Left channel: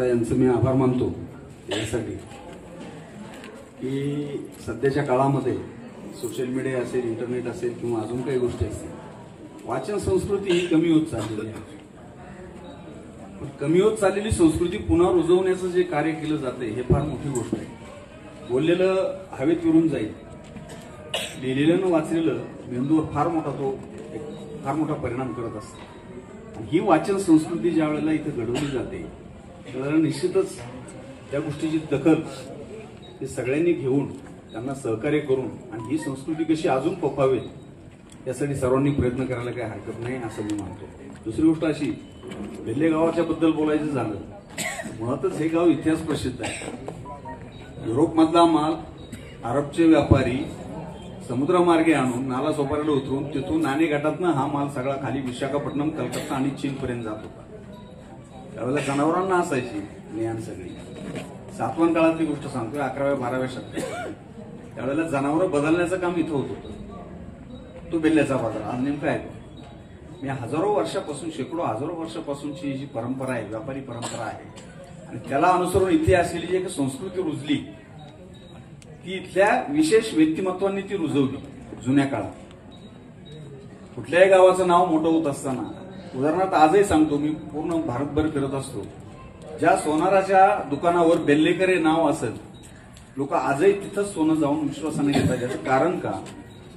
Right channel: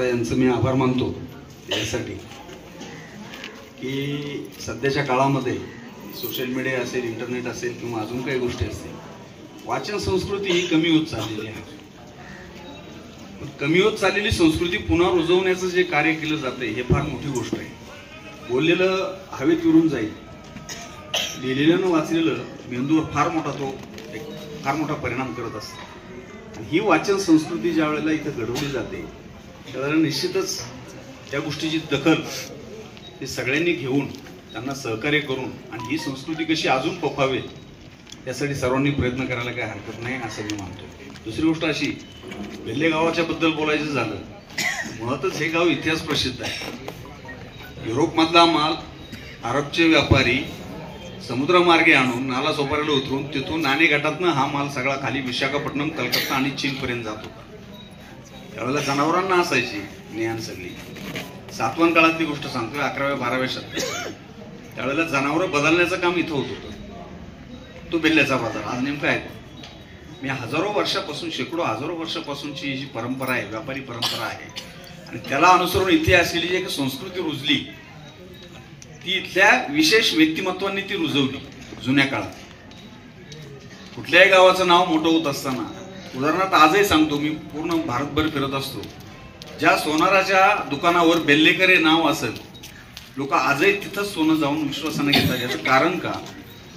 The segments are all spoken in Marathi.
प्रथमतः यांचं मी आभार मानतो यासाठी की सध्याच्या काळामध्ये सोशल मीडिया असेल, इंटरनेट असेल किंवा अजून काही गोष्टी असतील, वाचन संस्कृती ही कमी होत चाललेली आहे. कमी होत चाललेली संस्कृती पुन्हा रुजवण्याचं जे कार्य केलं जातं हे फार मोठी गोष्ट आहे. बोललेलं हवेत विरून जाईल, लिहिलेलं न वाचलेलं मेंदूवर फार मोठा परिणाम करत असतो. आणि ही वाचन संस्कृती ज्या वेळेला इथं घडवली जाते त्यावेळेला निश्चितच त्या गोष्टीची दखल ते सगळ्यांनी घेऊन त्यांना सहकार्य करून आणि ही संस्कृती कशी अजून पोखावेल यासाठी सर्वांनी प्रयत्न करायला काही हरकत नाही असं मी मानतो. दुसरी गोष्ट अशी, बेल्ले गावाच्या बद्दल बोलायचं झालं, मुळातच हे गाव इतिहास प्रसिद्ध आहे. युरोपमधला माल अरबचे व्यापारी समुद्रमार्गे आणून नाला सोपाऱ्याला उतरून तिथून नाणे घाटातनं हा माल सगळा खाली विशाखापट्टणम, कलकत्ता आणि चीनपर्यंत जात होता. त्यावेळेला जनावरांना असायची ज्ञान सगळी. सातवाहन काळातली गोष्ट सांगतोय, 11व्या-12व्या शतकात. त्यावेळेला जनावरं बदलण्याचं काम इथं होत होतं. तो बेल्ल्याचा बाजार आज नेमका आहे. मी हजारो वर्षापासूनची जी परंपरा आहे, व्यापारी परंपरा आहे, आणि त्याला अनुसरून इथे असलेली जी एक संस्कृती रुजली ती इथल्या विशेष व्यक्तिमत्वांनी ती रुजवली. जुन्या काळात कुठल्याही गावाचं नाव मोठं होत असताना, उदाहरणार्थ आजही सांगतो, मी पूर्ण भारतभर फिरत असतो, ज्या सोनाराच्या दुकानावर बेल्लेकर हे नाव असेल, लोक आजही तिथंच सोनं जाऊन विश्वासाने घेतात. याचं कारण का,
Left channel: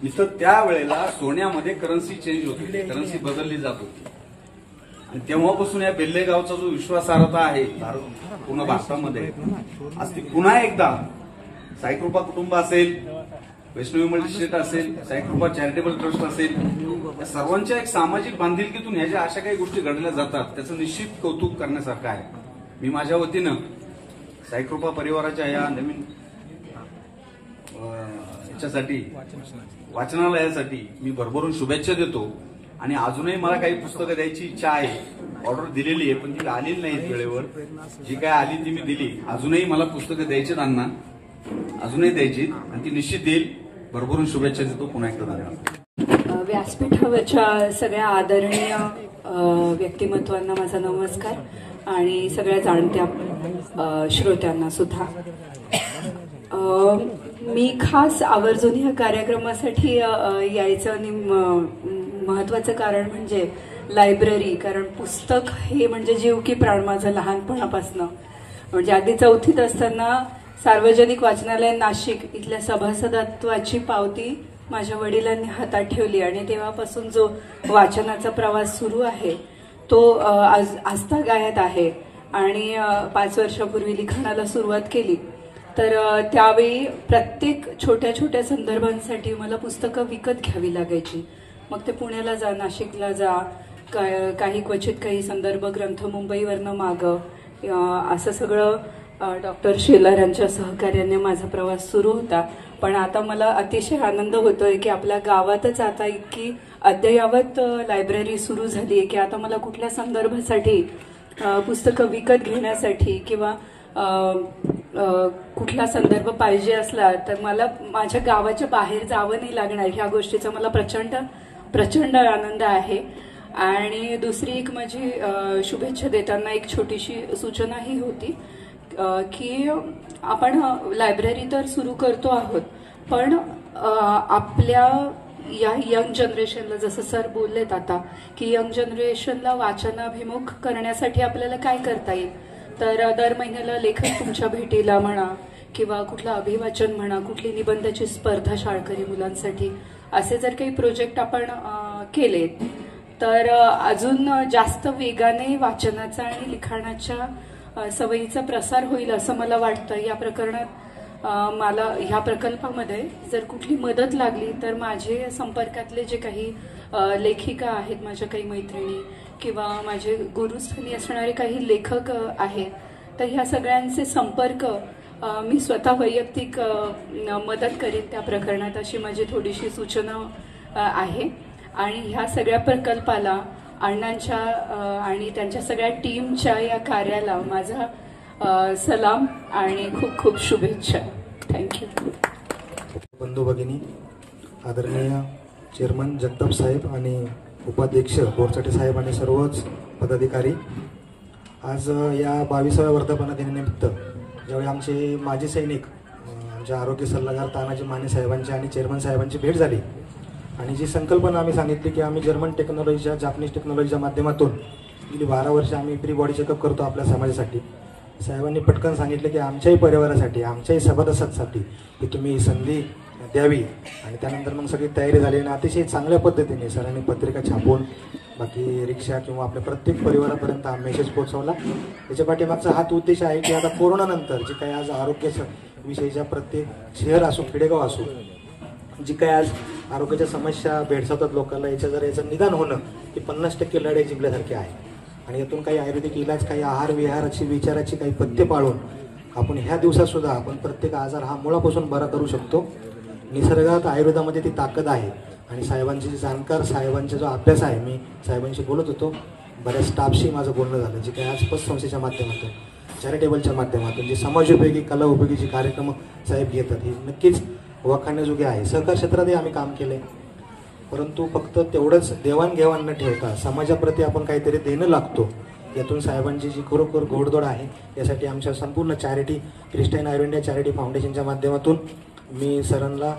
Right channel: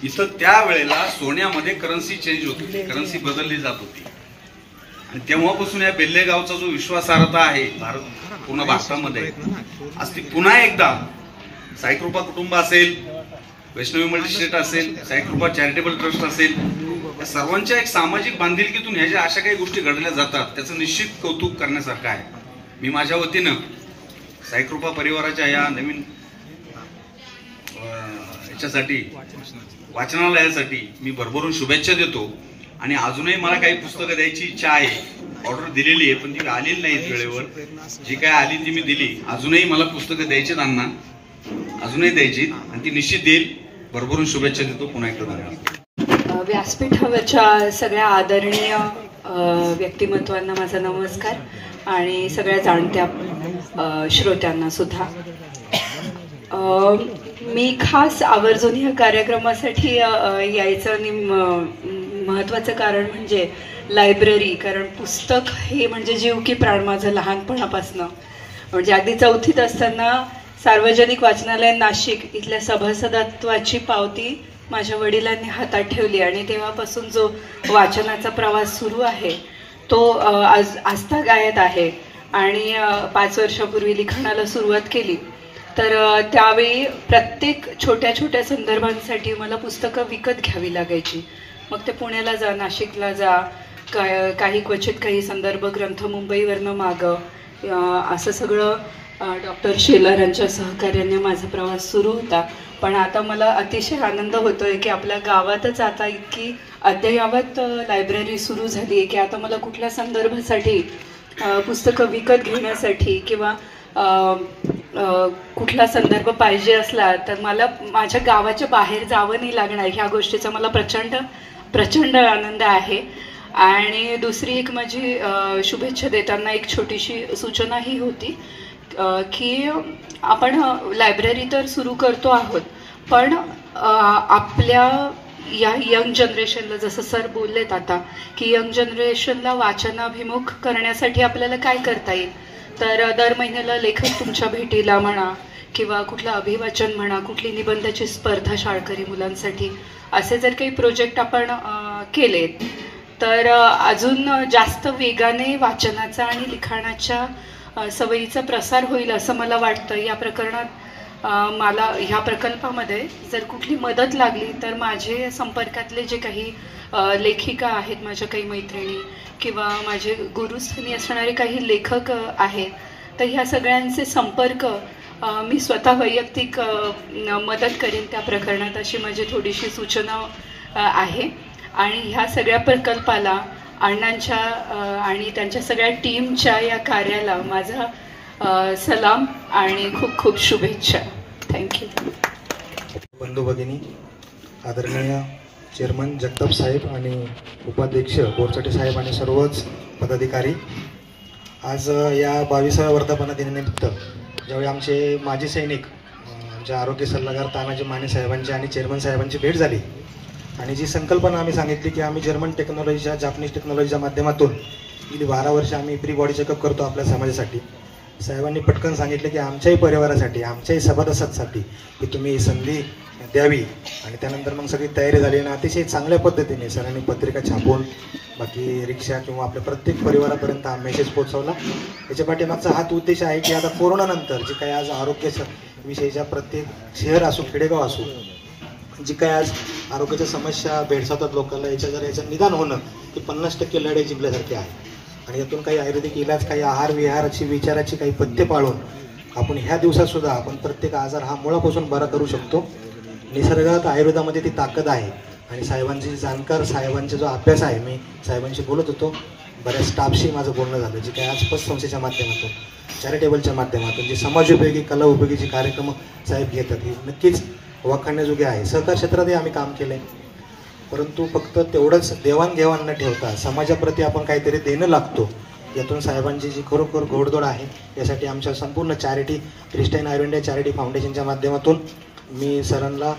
इथं त्यावेळेला सोन्यामध्ये करन्सी चेंज होत होती, करन्सी बदलली जात होती. आणि तेव्हापासून या बेल्ले गावचा जो विश्वासार्हता आहे पूर्ण भारतामध्ये, आज ती पुन्हा एकदा साईकृपा कुटुंब असेल, वैष्णवी मल्टीस्टेट असेल, साईकृपा चॅरिटेबल ट्रस्ट असेल, या सर्वांच्या एक सामाजिक बांधिलकीतून ह्या ज्या अशा काही गोष्टी घडल्या जातात त्याचं निश्चित कौतुक करण्यासारखं आहे. मी माझ्या वतीनं साईकृपा परिवाराच्या या नवीन याच्यासाठी, वाचनालयासाठी मी भरभरून शुभेच्छा देतो. आणि अजूनही मला काही पुस्तकं द्यायची इच्छा आहे, ऑर्डर दिलेली आहे, पण ती आलेली नाहीत वेळेवर. जी काय आली ती मी दिली. अजूनही मला पुस्तकं द्यायची त्यांना, अजूनही द्यायची, आणि ती निश्चित देईल. भरभरून शुभेच्छा देतो. पुन्हा एकदा धन्यवाद. व्यासपीठावरच्या सगळ्या आदरणीय व्यक्तिमत्वांना माझा नमस्कार, आणि सगळ्या जाणत्या श्रोत्यांना सुद्धा. मी खास आवर्जून ह्या कार्यक्रमासाठी यायचं आणि महत्त्वाचं कारण म्हणजे लायब्ररी. कारण पुस्तक हे म्हणजे जीव की प्राण माझं लहानपणापासनं. म्हणजे अगदी 4थीत असताना सार्वजनिक वाचनालय नाशिक इथल्या सभासदत्वाची पावती माझ्या वडिलांनी हातात ठेवली, आणि तेव्हापासून जो वाचनाचा प्रवास सुरू आहे तो आजतागायत आहे. आणि 5 वर्षापूर्वी लिखाणाला सुरुवात केली तर त्यावेळी प्रत्येक छोट्या छोट्या संदर्भांसाठी मला पुस्तकं विकत घ्यावी लागायची. मग ते पुण्याला जा, नाशिकला जा, काही क्वचित काही संदर्भ ग्रंथ मुंबईवरनं मागं, असं सगळं डॉक्टर शेलर यांच्या सहकार्याने माझा प्रवास सुरू होता. पण आता मला अतिशय आनंद होतो आहे की आपल्या गावातच आता इतकी अद्ययावत लायब्ररी सुरू झाली आहे की आता मला कुठल्या संदर्भासाठी पुस्तकं विकत घेण्यासाठी किंवा कुठला संदर्भ पाहिजे असला तर मला माझ्या गावाच्या बाहेर जावं नाही लागणार. ह्या गोष्टीचा मला प्रचंड आनंद आहे. आणि दुसरी एक माझी शुभेच्छा देताना एक छोटीशी सूचनाही होती की आपण लायब्ररी तर सुरू करतो आहोत, पण आपल्या या यंग जनरेशनला, जसं सर बोललेत आता की यंग जनरेशनला वाचनाभिमुख करण्यासाठी आपल्याला काय करता येईल, तर दर महिन्याला लेखक तुमच्या भेटीला म्हणा किंवा कुठलं अभिवाचन म्हणा, कुठली निबंधाची स्पर्धा शाळकरी मुलांसाठी, असे जर काही प्रोजेक्ट आपण केलेत तर अजून जास्त वेगाने वाचनाचा आणि लिखाणाच्या सवयीचा प्रसार होईल असं मला वाटतं. या प्रकरणात मला ह्या प्रकल्पामध्ये जर कुठली मदत लागली तर माझे संपर्कातले जे काही लेखिका आहेत, माझ्या काही मैत्रिणी किंवा माझे गुरुस्थानी असणारे काही लेखक आहेत, तर ह्या सगळ्यांचे संपर्क मी स्वतः वैयक्तिक मदत करेन त्या प्रकरणात, अशी माझी थोडीशी सूचना आहे. आणि ह्या सगळ्या प्रकल्पाला अण्णांच्या आणि त्यांच्या सगळ्या टीमच्या या कार्याला माझा सलाम आणि खूप खूप शुभेच्छा. थँक्यू. बंधू भगिनी, आदरणीय चेअरमन जगताप साहेब आणि उपाध्यक्ष बोरचाटे साहेब आणि सर्वच पदाधिकारी, आज या 22व्या वर्धापन दिनानिमित्त ज्यावेळी आमचे माजी सैनिक आमच्या आरोग्य सल्लागार तानाजी माने साहेबांची आणि चेअरमन साहेबांची भेट झाली आणि जी संकल्पना आम्ही सांगितली की आम्ही जर्मन टेक्नॉलॉजीच्या जापनीज टेक्नॉलॉजीच्या माध्यमातून गेली 12 वर्ष आम्ही प्री बॉडी चेकअप करतो आपल्या समाजासाठी. साहेबांनी पटकन सांगितलं की आमच्याही परिवारासाठी आमच्याही सभासदांसाठी की तुम्ही संधी द्यावी आणि त्यानंतर मग सगळी तयारी झाली आणि अतिशय चांगल्या पद्धतीने सरांनी पत्रिका छापून बाकी रिक्षा किंवा आपल्या प्रत्येक परिवारापर्यंत हा मेसेज पोहोचवला. याच्या पाठीमागचा हाच उद्देश आहे की आता कोरोनानंतर जे काही आज आरोग्याविषयीच्या प्रत्येक शहर असो खेडेगाव असो जी काही आज आरोग्याच्या समस्या भेडसावतात लोकांना याचं निदान होणं हे 50% लढाई जिंकल्यासारखे आहे आणि यातून काही आयुर्वेदिक इलाज काही आहार विहाराची विचाराची काही पथ्य पाळून आपण ह्या दिवसातसुद्धा आपण प्रत्येक आजार हा मुळापासून बरा करू शकतो. निसर्गात आयुर्वेदामध्ये ती ताकद आहे आणि साहेबांची जाणकार साहेबांचा जो अभ्यास आहे मी साहेबांशी बोलत होतो बऱ्याच स्टाफशी माझं बोलणं झालं जे काही आज पतसंस्थेच्या माध्यमातून चॅरिटेबलच्या माध्यमातून जे समाजोपयोगी कला उपयोगी जे कार्यक्रम साहेब घेतात हे नक्कीच वाखाणण्याजोगे आहे. सहकार क्षेत्रातही आम्ही काम केले परंतु फक्त तेवढंच देवाणघेवाण न ठेवता समाजाप्रती आपण काहीतरी देणं लागतो यातून साहेबांची जी खरोखर घोडदौड आहे यासाठी आमच्या संपूर्ण चॅरिटी क्रिस्टाईन आयुर्वेद चॅरिटी फाउंडेशनच्या माध्यमातून मी सरांना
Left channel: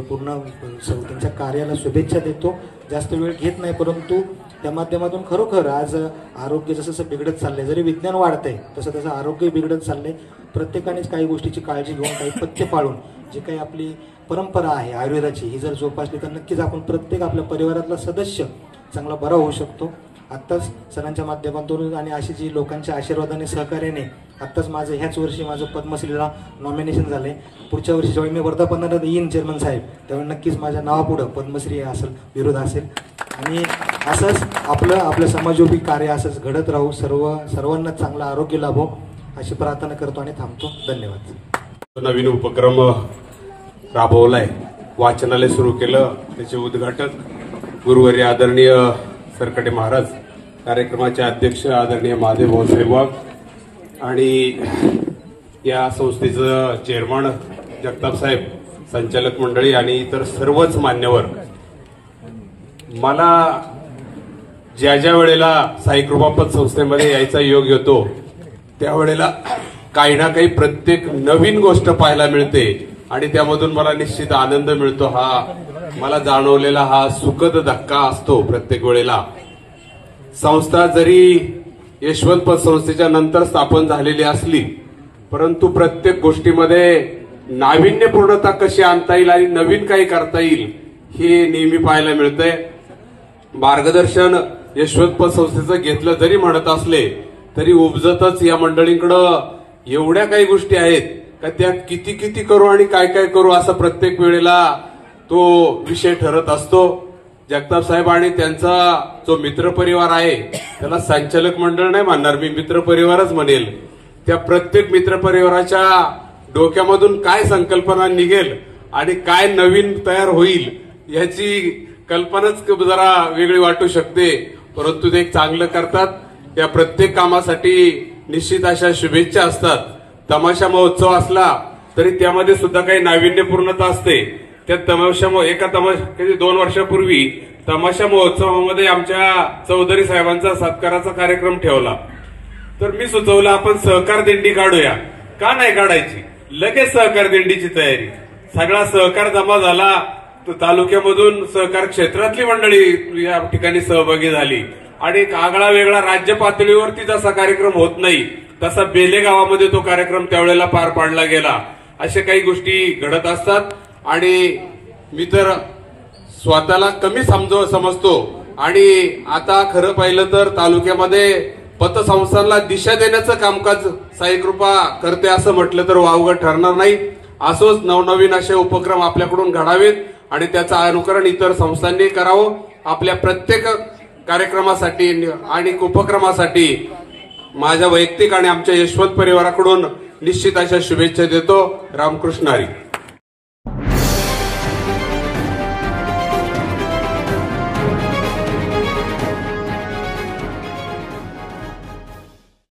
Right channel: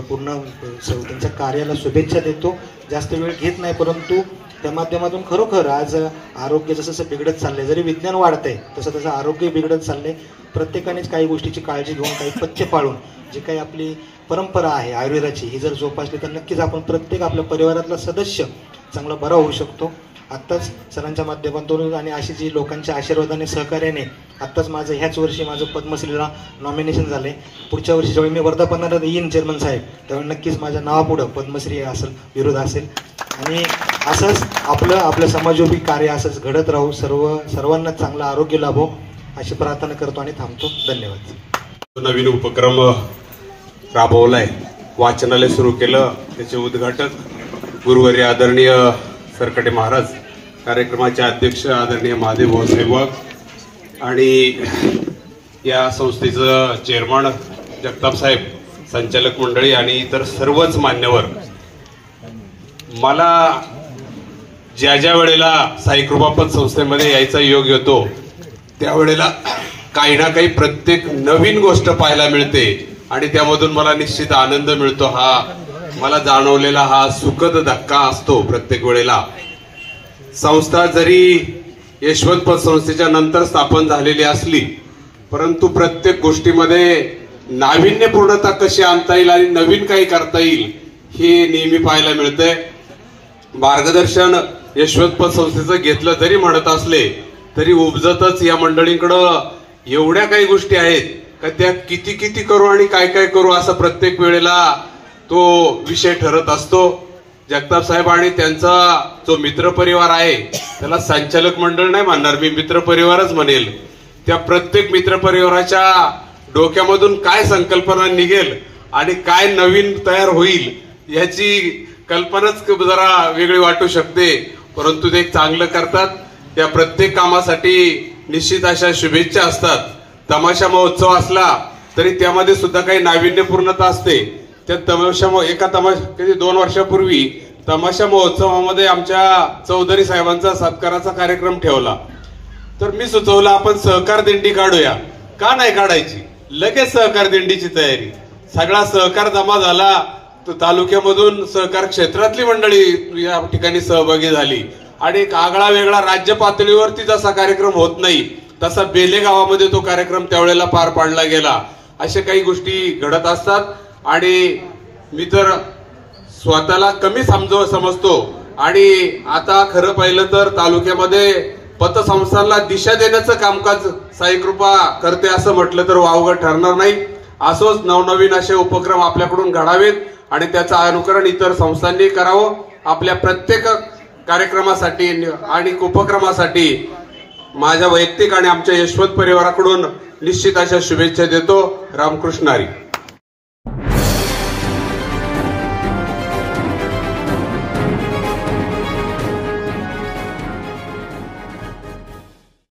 पूर्ण त्यांच्या कार्याला शुभेच्छा देतो. जास्त वेळ घेत नाही परंतु त्या माध्यमातून खरोखर आज आरोग्य जसं बिघडत चाललंय जरी विज्ञान वाढतंय तसं आरोग्य बिघडत चाललंय. प्रत्येकानेच काही गोष्टीची काळजी घेऊन काही पथ्य पाळून जी काही आपली परंपरा आहे आयुर्वेदाची ही जर जोपासली तर नक्कीच आपण प्रत्येक आपल्या परिवारातला सदस्य चांगला बरा होऊ शकतो. आत्ताच सरांच्या माध्यमातून आणि अशी जी लोकांच्या आशीर्वादाने सहकार्याने आत्ताच माझं ह्याच वर्षी माझं पद्मश्रीला नॉमिनेशन झालं आहे. पुढच्या वर्षी ज्यावेळी मी वर्धापनाला येईन चेअरमन साहेब त्यावेळी नक्कीच माझ्या नावापुढं पद्मश्री असेल विरोध असेल आणि असंच आपलं समाजोपयोगी कार्य असंच घडत राहू सर्वांना चांगलं आरोग्य लाभो अशी प्रार्थना करतो आणि थांबतो. धन्यवाद. नवीन उपक्रम राबवलाय वाचनालय सुरू केलं त्याचे उद्घाटक गुरुवारी आदरणीय सरकटे महाराज कार्यक्रमाचे अध्यक्ष आदरणीय महादेव भाऊ सेवक आणि या संस्थेचं चेअरमन जगताप साहेब संचालक मंडळी आणि इतर सर्वच मान्यवर. मला ज्या वेळेला साई कृपापत संस्थेमध्ये यायचा योग येतो त्यावेळेला काही ना काही प्रत्येक नवीन गोष्ट पाहायला मिळते आणि त्यामधून मला निश्चित आनंद मिळतो. हा मला जाणवलेला हा सुखद धक्का असतो प्रत्येक वेळेला. संस्था जरी यशवंत पतसंस्थेच्या नंतर स्थापन झालेली असली परंतु प्रत्येक गोष्टीमध्ये नाविन्यपूर्णता कशी आणता येईल आणि नवीन काही करता येईल हे नेहमी पाहायला मिळतंय. मार्गदर्शन यशवंत पतसंस्थेचं घेतलं जरी म्हणत असले तरी उपजतच या मंडळींकडं एवढ्या काही गोष्टी आहेत का त्या किती करू आणि काय करू असं प्रत्येक वेळेला तो विषय ठरत असतो. जगताप साहेब आणि त्यांचा जो मित्रपरिवार आहे त्याला संचालक मंडळ नाही म्हणणार मी मित्रपरिवारच म्हणेल. त्या प्रत्येक मित्रपरिवाराच्या डोक्यामधून काय संकल्पना निघेल आणि काय नवीन तयार होईल याची कल्पनाच जरा वेगळी वाटू शकते परंतु ते चांगलं करतात. त्या प्रत्येक कामासाठी निश्चित अशा शुभेच्छा असतात. तमाशा महोत्सव असला तरी त्यामध्ये सुद्धा काही नाविन्यपूर्णता असते. त्या एका 2 वर्षापूर्वी तमाशा महोत्सवामध्ये आमच्या चौधरी साहेबांचा सत्काराचा कार्यक्रम ठेवला तर मी सुचवलं आपण सहकार दिंडी काढूया. का नाही काढायची? लगेच सहकार दिंडीची तयारी. सगळा सहकार जमा झाला तर तालुक्यामधून सहकार क्षेत्रातली मंडळी या ठिकाणी सहभागी झाली आणि एक आगळा वेगळा राज्य पातळीवरती जसा कार्यक्रम होत नाही तसा बेले गावामध्ये तो कार्यक्रम त्यावेळेला पार पाडला गेला. अशा काही गोष्टी घडत असतात आणि मी तर स्वतःला कमी समजतो आणि आता खरं पाहिलं तर तालुक्यामध्ये पतसंस्थांना दिशा देण्याचं कामकाज साई कृपा करते असं म्हटलं तर वावगं ठरणार नाही. असोच नवनवीन असे उपक्रम आपल्याकडून घडावेत आणि त्याचं अनुकरण इतर संस्थांनी करावं. आपल्या प्रत्येक कार्यक्रमासाठी आणि उपक्रमासाठी माझ्या वैयक्तिक आणि आमच्या यशवंत परिवाराकडून निश्चित अशा शुभेच्छा देतो. रामकृष्ण हरी.